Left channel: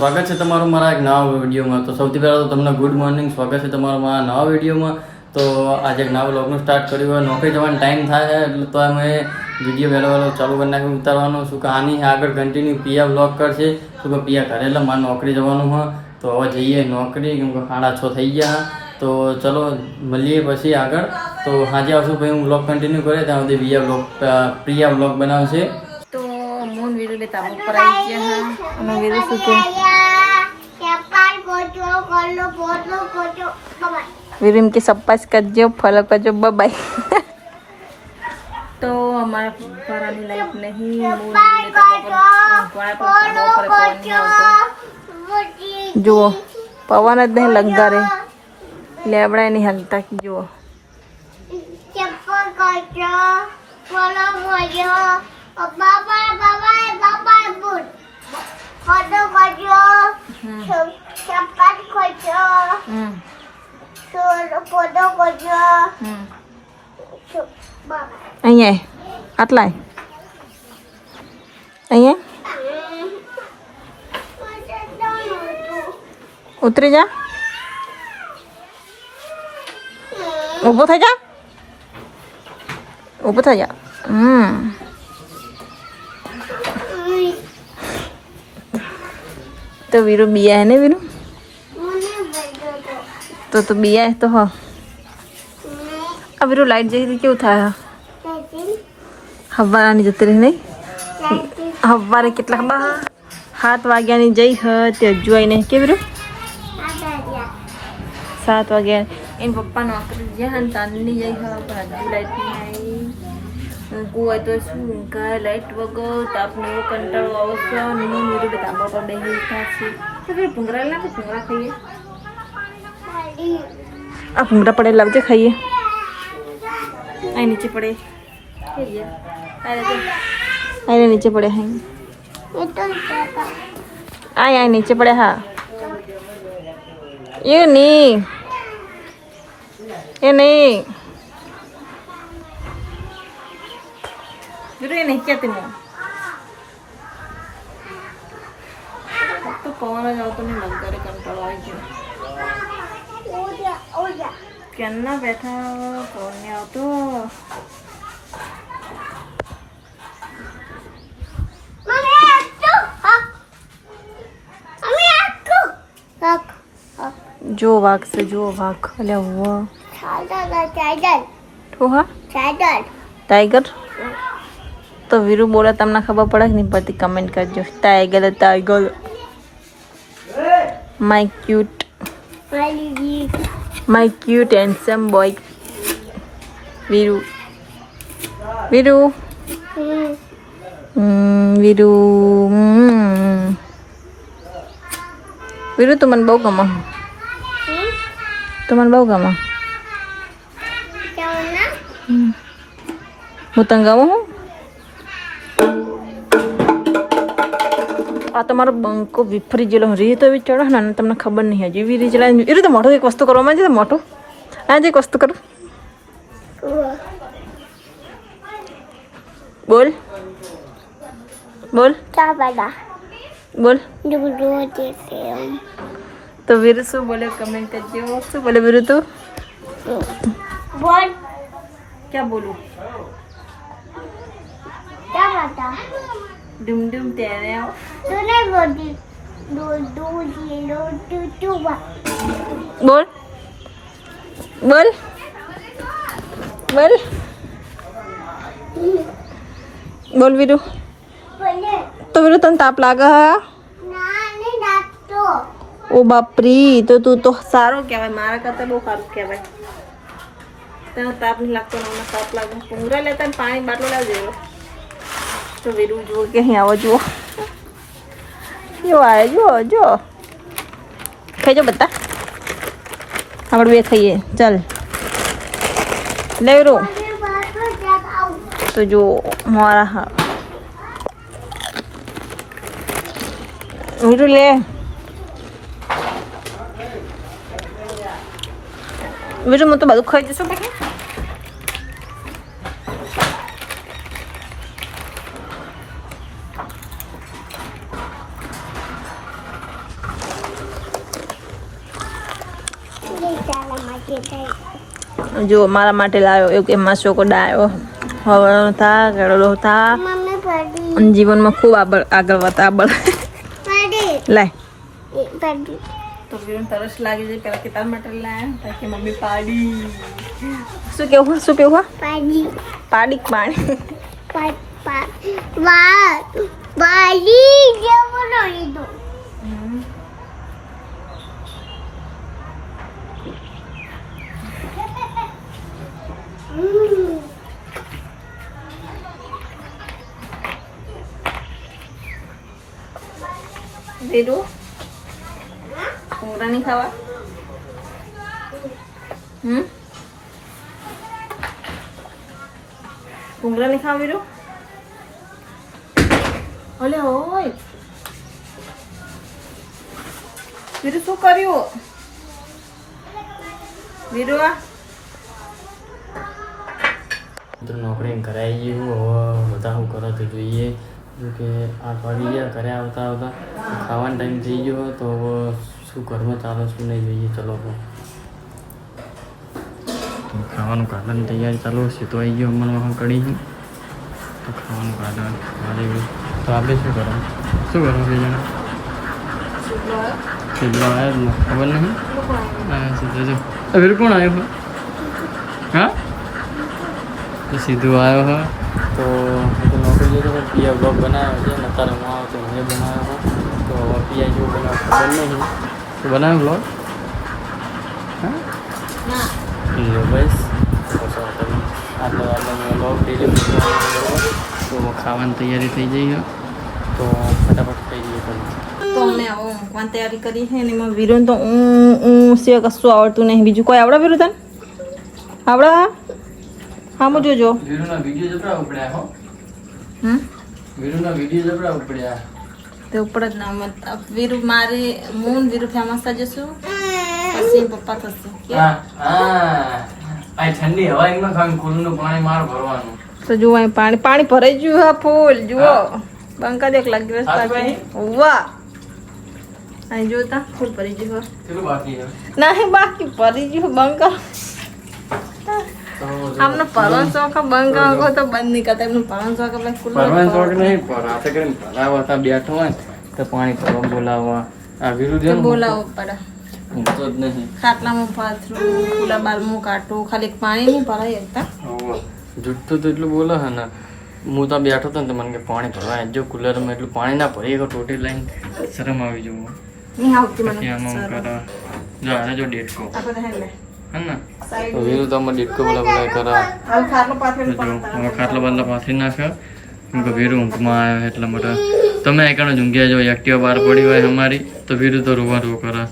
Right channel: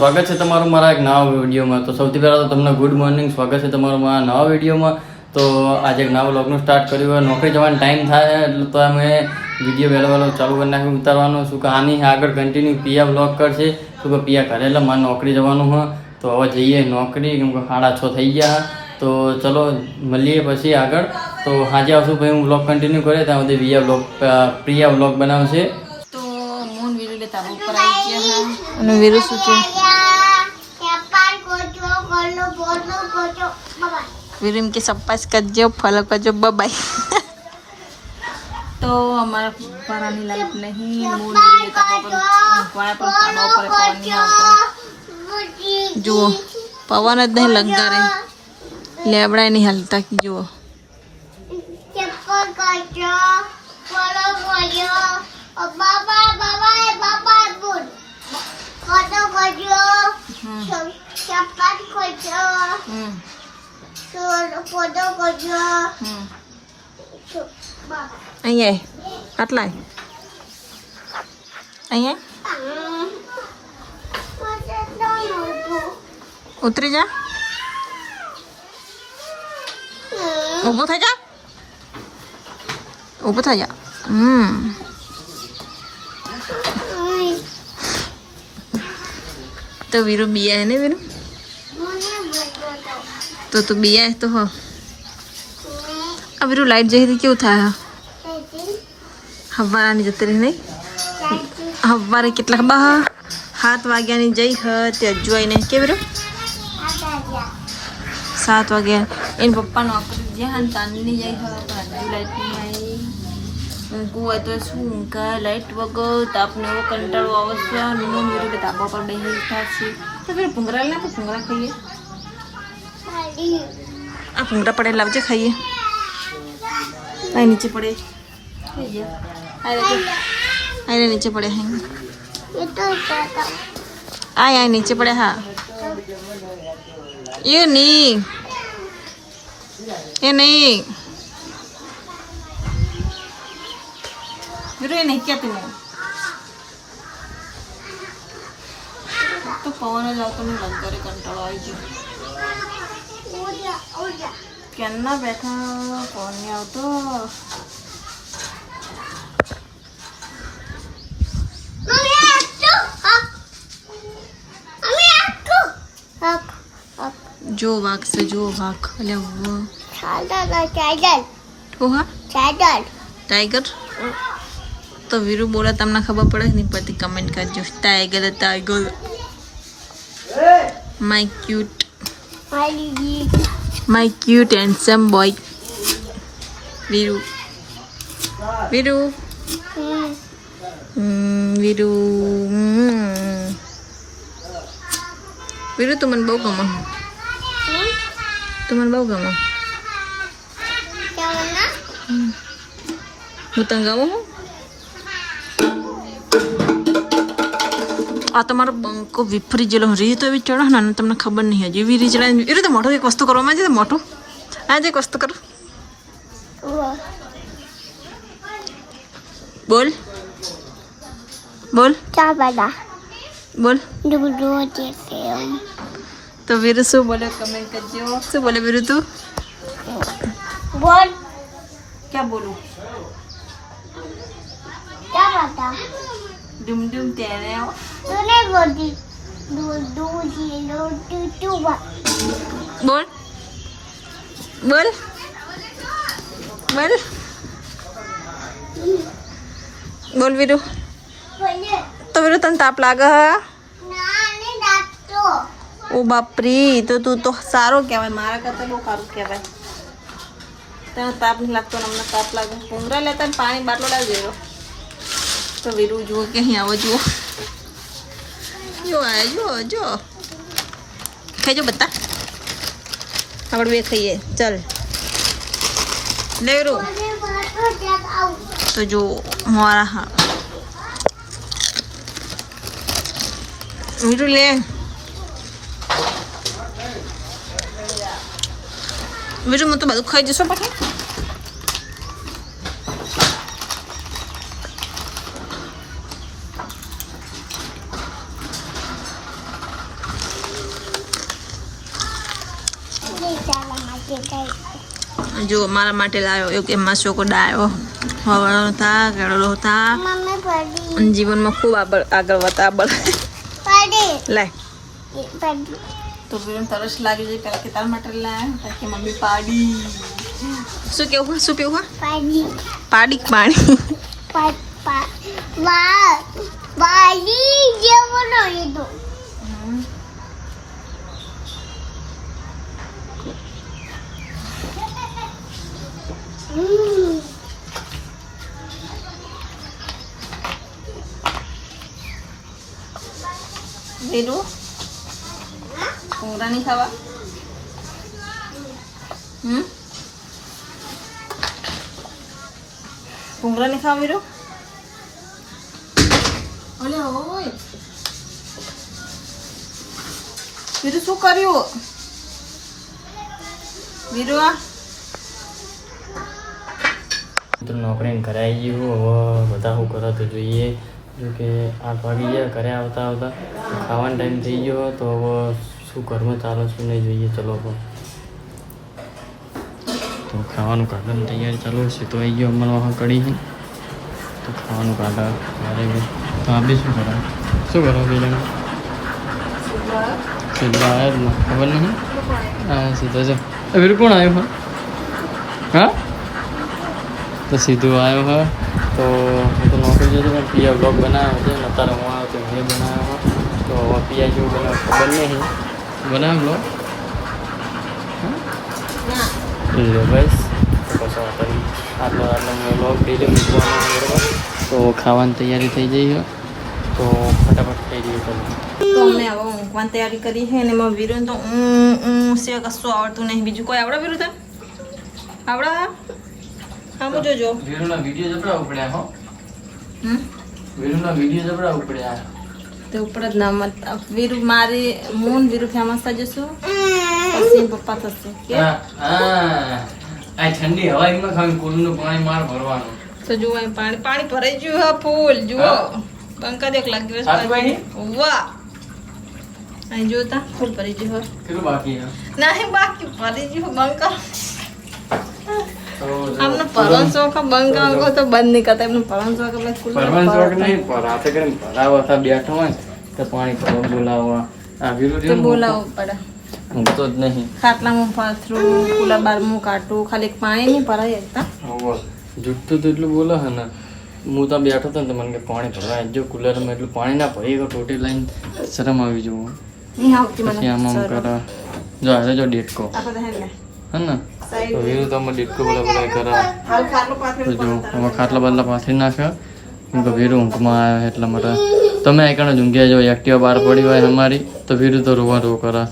સ્વાગત છે તમારું મારા એક નવા વિડીયોમાં. તો સૌથી પહેલાં તો તમને ગુડ મોર્નિંગ. સ્વાગત છે તમારું મારા નવા વિડીયોમાં. તો આજે એક નવા વ્લોગનું સ્ટાર્ટ કર્યું હોય. નોકરી જવાનો ટાઈમ થાય એટલે તો અમે વિડીયો વહેલો ચાલુ કરી નાખ્યું ઉતારવાનું. શું કે આની આગળ કન્ટિન્યુ પિયા વ્લોગ કરશે. શું કે પિયા કરે એટલે મારે નોકરી જવાનું હોય. તો હવે જઈએ નોકરી, કેમ કે 6:30 થઈ ગયા. તો ચલો મળીએ પછી આગળ. તો આજે આવશું ભાઈ હું વ્લોગ કન્ટિન્યુ કરે ત્યાં સુધી પ્રિયા વ્લોગ બનાવશે. તો મૂન વીરુ બે તાબો પર આવી ગયા હા. અને વીરુ શું કે वीरू इनके सप्पास करजो फॉलो करजो बाय। तो हमारा परानी लाइट नहीं मूल लेता पर कोड़ा पर ताबा पर पवन नहीं आवतो। जो पवन ज नहीं लगा रे लेबड़ा नहीं हलता की जो चप्पल करजो फॉलो करजो बाबा बाबा बाबा गुड फॉलो करजो चप्पल करजो અહીંયા આટલા અહીંયા ઉતરી જા, ઊભો થઈ જા, ઊભો થઈ જા. તો વીરુ बिया है ना वीरू, तो तू बिया है तो हो. अब वीरू लाइट जही थी क्यों था हवारा नहीं जते रही नहीं हवारे कितला बहा 7 वाग्या नहीं जई ते जुआई नहीं के वीरू 7 वाग्या इन पप्पा नौकरी जहां तानी जई पर हजू लाइट नहीं आई को आई तो શું का लाइट वगो तो आपने वो कंटाळो आवश्य नो वीरू के ताबा पर बेही था छी तो फिर भुंगरा ले तो भुंगरा खाइए. आप भूंगरा पड़े लवजे खाइए. अरे नीचे पड़े अरे नीचे पड़े हैं आए नीचे पड़े. हाँ ये नहीं ये नहीं क्या तुम तो पवन जाओ तो नहीं लग रहे कंटाळो आई गयो. क्या बैठा कौन नहीं आओ तो जो वाक से जो वाक अले वो टाइगर. तो वीरू बोला तमने खबर पड़ा कि नहीं पड़ती कमेंट करजो. Tiger tiger my cute my cute handsome boy Veeru Veeru Veeru Veeru तुमने बहु गमा હું તને ગાઉં હું આ તમારો બંકો વિફરી જેલો રી તો એવી ચડો ને તમને ખબર નહીં હજી એવી રી ચડાય એ રીતે મોટું એક વસ્તુ કરવામાં છે મોટું આજે એક વસ્તુ કરું બોલ બોલ બોલ તો વીરુ શું બોલે કમેન્ટ કરજો. શું બોલે વીરુ તું બોલ क्या बोलूं क्या बता डुम डुम तेरे तूने बोली दो दो जीरो टू टू बोल बोल बोल बोल वीरू तो वीरू तन ताप लागा ओ बापरी तो तू तो सारो कहेवाय मारा करता बहु सारू कहेवाय. तेनो ताप नहीं लगता अमने ताप लागे भूंगरा लेता पानी बाटलो लाव जेरो. तो वीरू जुओ के अहीं आवो जुओ जो आए जो खाई जो बता આપણે બે ખાઈએ ચાલ લે વીरू તો જો મારા હા वीरू ले वीरू मैं तो બધું ખાઈ જશું બેટા. જો મારા માટે લાવ્યો એક એમાં ચોકોડા આવ્યો હવાનો થા ગળો થા અને જીવનમાં ખૂબ આગળ વધતા લાય તો વિરમ તરસ લાગી જાય પેલા કે તાર માટે લાયા તાકે મમ્મી પાડી શું કેવું શું પીવું પાડી પાણી वीरू भूंगरा नहीं खावा भूंगरा नहीं खावा वीरू अले होय वीरू शू कर्યું वीरू आ મિત્રો નોકરી ઘરે આવી ગયું હવે બધા શું કરો તો જોઈએ જો કે 8 વાગી ગયા ઘરે આવતા આવતા ખાવાનો ટાઈમ થઈ ગયો તો હવે શું ઘરમાં ચાલો શું નહીં જોઈએ ચલો તો ખાવાનું કાઢવાની તૈયારી ચાલુ છે તો આવી ગયો અમને વખત કડી છે તો ખાવાનું કાઢા મારે તો આપણે શું કરો બે જણા સીધવા આવ્યા જ ને ખબર નહીં હા સીધા જો હવે કોણ આવ્યો હોય હા તો સીધું આવ્યો હોય તો હું તો નોકરી જતો પણ પિયા બ્લોગ બનાવ્યો છે ને અત્યારે હું આવ્યો તો મેં બનાવ્યો હોય તો હવે પિયા જેવું બનાવ ખબર નહીં તો બનાવ્યો બ્લોગ હા લો બસ તો પછી આટલો મેં બ્લોગ ડેલી મૂકવાનો બરાબર તો ખાવાની તૈયારી થઈ ગઈ હોય તો ફટાફટ થઈ ગયું ચલો તો અમને હવે ઊંઘવાની તૈયારી કરી છે અને એમાં વીરુ તો સિવાય કશું આવડતું નહીં બીજું કોઈ આવડે વીરુ તને આવડે હા હું જોજો વીરુના વિડીયો જબરા ઉપડ્યા હો વીરુના વિડીયો જબરા ઉપડ્યા તે ઉપર જ ના મત વીરુ મારી મૂન વીરુ ફેમસ થઈ જશું પછી પપ્પા થશે કે હા આ ઠંડી હવાઈમાં ખાલી કુલનું પાણી માર ભરવાનું તો જુઓ અહીં પાણી ભરાઈ ગયું હા ફૂલ જુઓ બંકા દેખ લાગ દિવસ પાછી વાહ અહીં જોતા ફૂલ ભરી ગયું કેટલું બાકી છે નહીં બાકી ભરી ગયું બંકા આપનો પરવાન શોખ બંકા કો તો બંધ નહીં કરતા એમનો પરવાન શોખ એટલે કુલ પરવાન શોખ નહીં પર હાથે કરીને ભરાવા હતા બેઠો હોય તો પાણી ભરવા બોલાવવા આ વિરુદ્ધ તે બોલાવો પડે હું તો જ નહીં ખાટલામાં પાથરું કુલા બારમું કાઢું ખાલી પાણી નહીં ભરાય એકતા જુઠ્ઠું તો એટલું બોલે હે ને હું તો બેઠો હતો ને તો મને કે પાણી ભરવા જો કુલરમાં એટલું પાણી ના ભરી ગયો ટોટી લઈને શરમ આવી જવું નહીં આવતી પછી મને આમાં કરો જો આવે જો ડેટકો આપણે હે ને હે ને તો વીરુ તો અમે ડેટકો બોલા કરે હાલ ખાટલો પાથરી જો હવે ખાટલા બાટલા પાથરી નાખ્યો કેમ કે વીરુ ઊંઘમાં આવ્યો એટલા માટે તમે આ કણ ઊંઘ્યા જો એક્ટિવા બહાર પડી હોય અમારી તો વીરુ તો રોવા કરે